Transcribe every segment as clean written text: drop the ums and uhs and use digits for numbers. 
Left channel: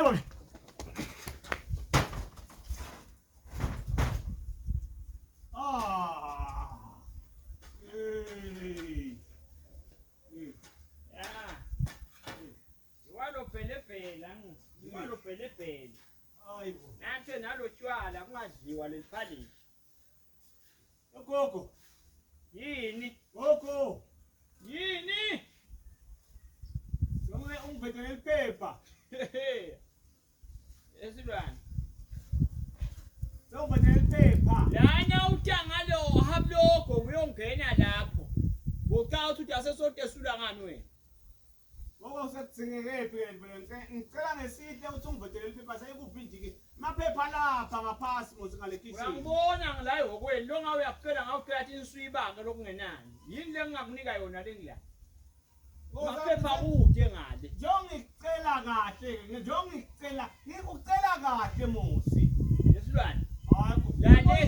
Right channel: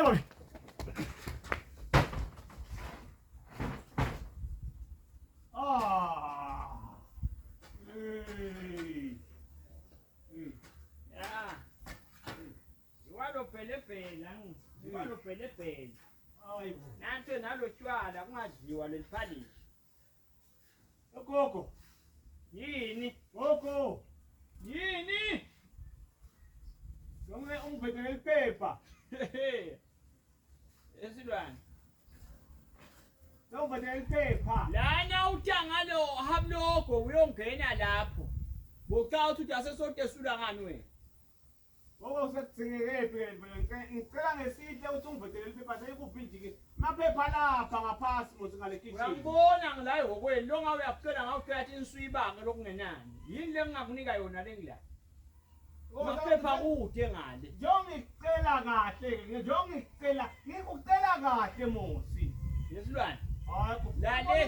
Yebo. Pelepele. Hayibo. Nanto nalotshwala kungadliwa leliphalishi. Gogo. Yini? Gogo. Yini? Sonke ungibhedele iphepha. Esilwane. Ungibhedele iphepha. Lana uthanga lo hamlogo uyongena lapho. Bocathi uthi asesonke esula ngani wena? Gogo sekuthingeke phela ngicela ngesithe uthi ungibhedele iphepha seyikubhindike. Maphepha lapha ngaphasi ngale kitchen. Uyangibona ngilayo ngokwenu lo ngawe uyaphela ngawuqhathi insuyibange lokungenani. Yini lengingakunika yona lengila? Maphepha kude ngale. Ngicela kahle, ngikucela kahle Musi. Yesilwane. Hayi Lale.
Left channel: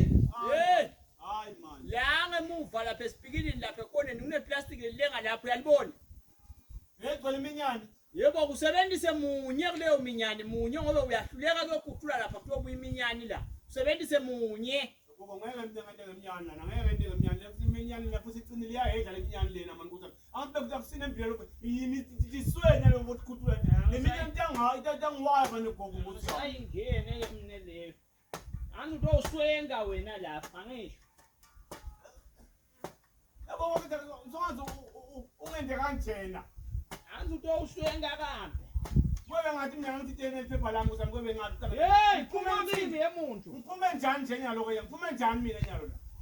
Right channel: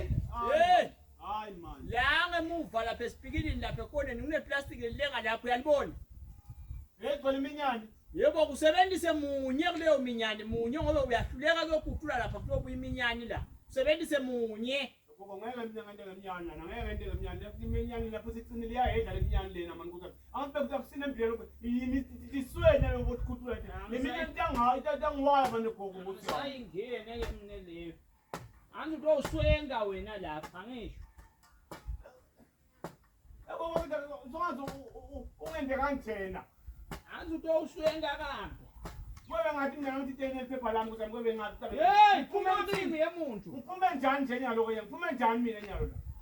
Hayi man. La ngemuva lapha esipikilini lapha ekoneni kuneplastic lenga lapho uyalibona. Egcwele iminyane. Yebo kusebenzise munye kuleyo minyane munye ngoba uyahluleka lokukhuphula lapha kuyobuya iminyane la. Usebenzise munye. Gogo ngeke ngeminyane lana, ngeke ngeminyane. Iminyane lapho sicinile iyahedla leminyane lena man ukuthi. Angibe kuyakusina empilo yini iswenya lokukhuphula. Leminyane ntangiwayo manje gogo ukuthi ayingene yemine leyo. Angithi uswenga wena lapha angisho. Yabo zonke ungende kanjena. Angithi uswenga kambe. Kube ngathi mina ngithi tene iphepha lami ukuthi ngibe ngathi. Hey, phuma kimi yemuntu. Ngiphume njani nje nyalo ke? Ngiphume njani mina nyalo la?